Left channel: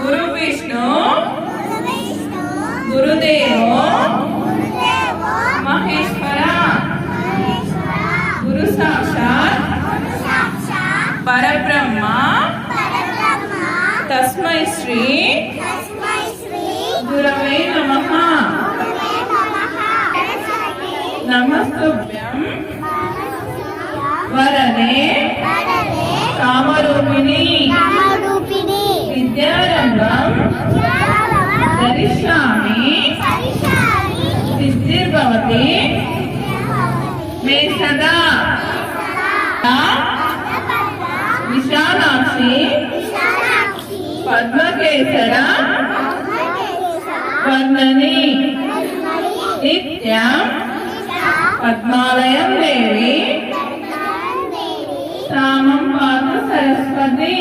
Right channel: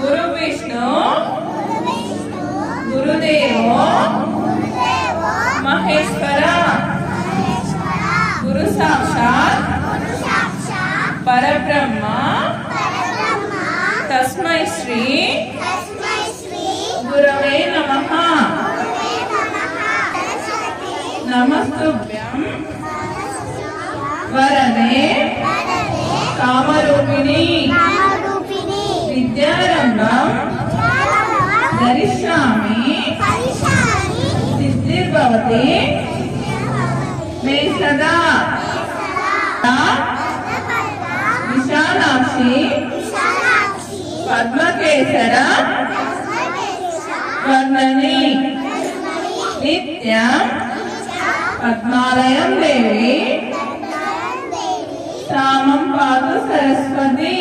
गुरु विष्णु गुरुदेव महेश्वर गुरु साक्षात् परब्रह्म तस्मै श्री गुरवे नमः। नमस्तुभ्यं वरदे कामरूपिणी विद्यारम्भं धरिष्यामि सिद्धिर्भवति मे सदा विशालाक्षी पद्मकेसर वर्णनी नित्यं पद्मालयं देवी सामं पातु सरस्वती।